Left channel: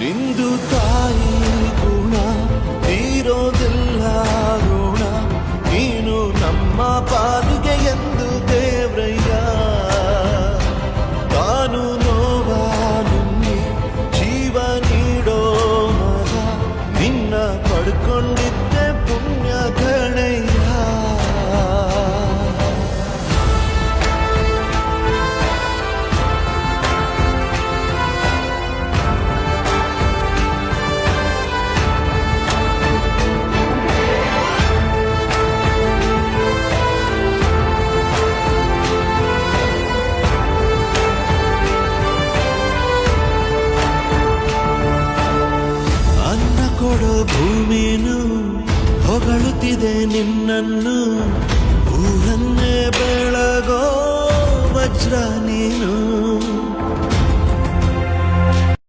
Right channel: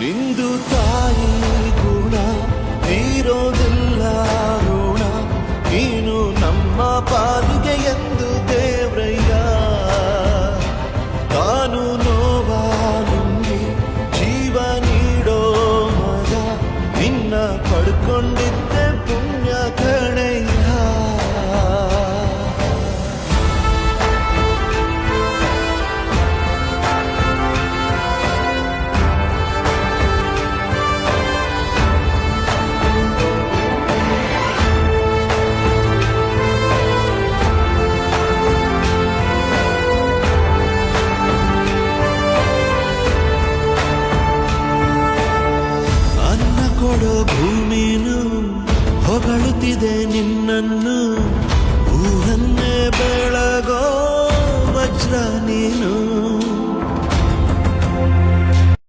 ನಿಂದು ತಾಯಿ ಗುಣ ತೀರೋದಿಲ್ಲ ಋಣ, ನೀನು ನಮ್ಮ ಪಾಲಿಗೆ ಎಂದು ದೇವ್ರಯ್ಯ. ತಾನು ನೋವಾ ನುಂಗಿ ಜೀವ ನೀಡೋ ಮಗ, ನಿನ್ನ ಪಡ್ಕೊಂಡಿದ್ದೆ ಪುಣ್ಯ ಗಣಯ್ಯ. ಅನ್ನ ಕೊಡೋ ಭೂಮಿನು ಹೊಗಳುತ್ತಿದೆ ನಿನ್ನನ್ನು, ಊರನ್ನೇ ಬೆಳಗೋ ವಜ್ರ ನೀನು.